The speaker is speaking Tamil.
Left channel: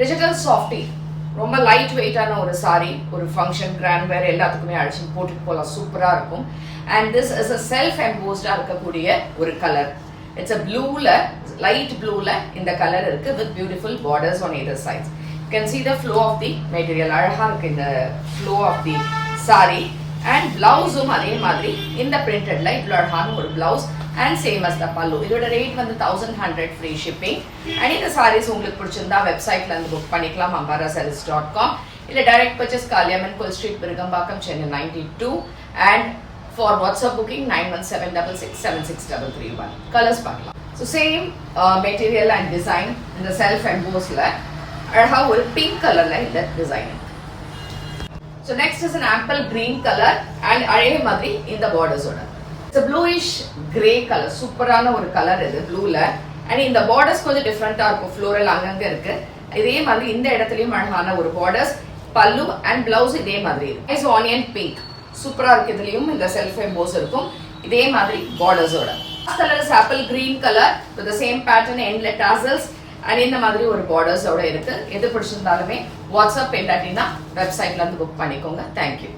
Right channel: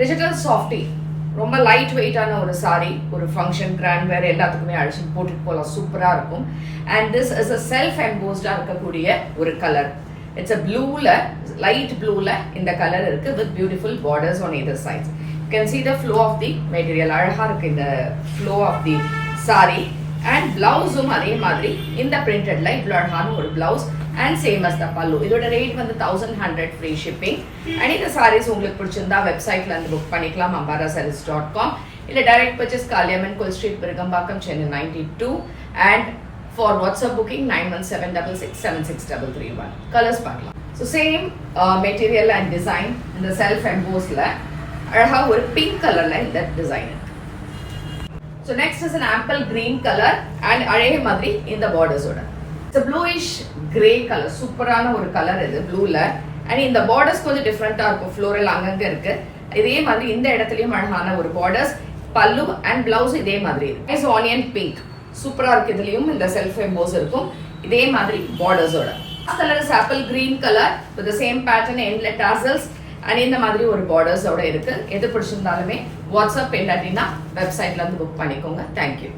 டிஜிட்டல் சாஃப்டி, ரொம்ப லைட் வெயிட்டான ஒரு சாரி, ஒரு ஃபங்க்ஷன் கிராண்ட் வேர் எல்லாத்துக்குமே அழிச்சு போட்டுட்டு போகலாம், சூப்பரா இருக்கும். And this is a self எம்போஸ்டா இருக்கக்கூடிய ஒரு கலர். இட்ஸ் அ ப்ளூல, லைட் ப்ளூல இந்த கலர் இருக்கு with beautiful borders on either sides. You can see the flow of the material. அழகா இருக்கு இந்த flow of the saree. And பிளவுஸும் அதே மாதிரி இந்த பிரிண்டட்ல இவ்வளோ அழகான ஒரு பிளவுஸ் அண்ட் சேம் அஸ் த பல்லு. இதோட ரேட் வந்து 1100 ஃப்ரீ ஷிப்பிங். அண்ட் இந்த சாரீஸ் உங்களுக்கு பிடிச்சிருந்தா வெப்சைட்ல இருந்து புக் பண்ணிக்கலாம், ambarasarees.com. இல்ல டைரக்ட் பர்ச்சேஸ் காளியம்மன் கோயில் street, Virugambakkam, Chennai 92. And for WhatsApp booking 9176676331. Colours பார்க்கலாம். So same material and design இந்த செல்ஃப் எம்போஸ்ல அழகா ஒரு பிங்க் கலர்ல இந்த டிசைன் இருக்கு. So next is an ample green color and அதே மாதிரி இந்த பார்டர்ஸோட it's a bluish gray color. சூப்பரான ஒரு கலர் இது ப்ளூல. அண்ட் இந்த பார்டர்ஸ் கொஞ்சம் டிஃப்ரெண்டா இருக்கும், ஃப்ளோரல் அங்கங்க இருக்கு. இதே மாதிரி இந்த இடத்துலயும் அழகான ஒரு பார்டர்ஸ், பல்லு அண்ட் பிளவுஸ் இதே மாதிரி இருக்கு. இஸ் ஆனியன் பிங்க், சூப்பரா இருக்கு. இதுலயும் இந்த செல்ஃப் எம்போஸ் இருக்கும் இதே மாதிரி பார்டர்ஸோட. Colour is apple green colour with the same pattern endlet tassels அண்ட் இந்த மாதிரி ஒரு பார்டர்ஸோட இருக்கு. எது பிடிச்சிருந்தாலுமே வாட்ஸ்அப் இல்லாட்டினா வெப்சைட்ல இருந்து புக் பண்ணிக்கோங்க. தேங்க்யூ.